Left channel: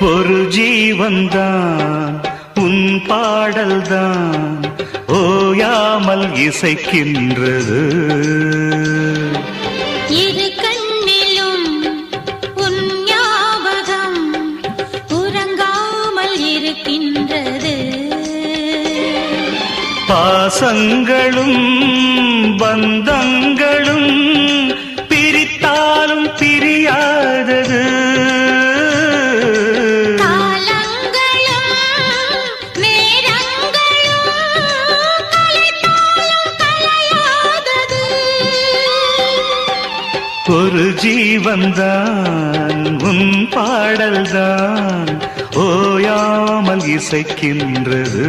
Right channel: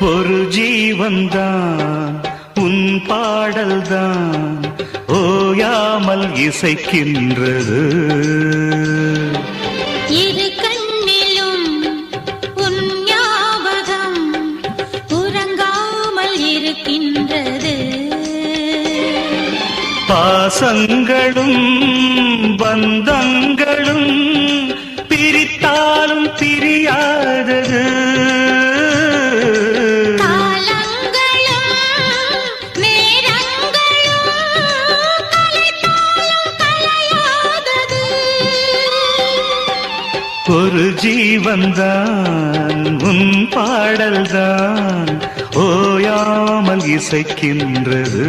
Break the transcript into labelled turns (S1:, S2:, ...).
S1: ஒரு ஜீவன்தான் உன் பாடல்தான் ஓயாமல் இசைக்கின்றது. பாசங்களும் பந்தங்களும் பிரித்தாலும் பிரியாதது. ஒரு ஜீவன்தான் உன் பாடல்தான் ஓயாமல் இசைக்கின்றது.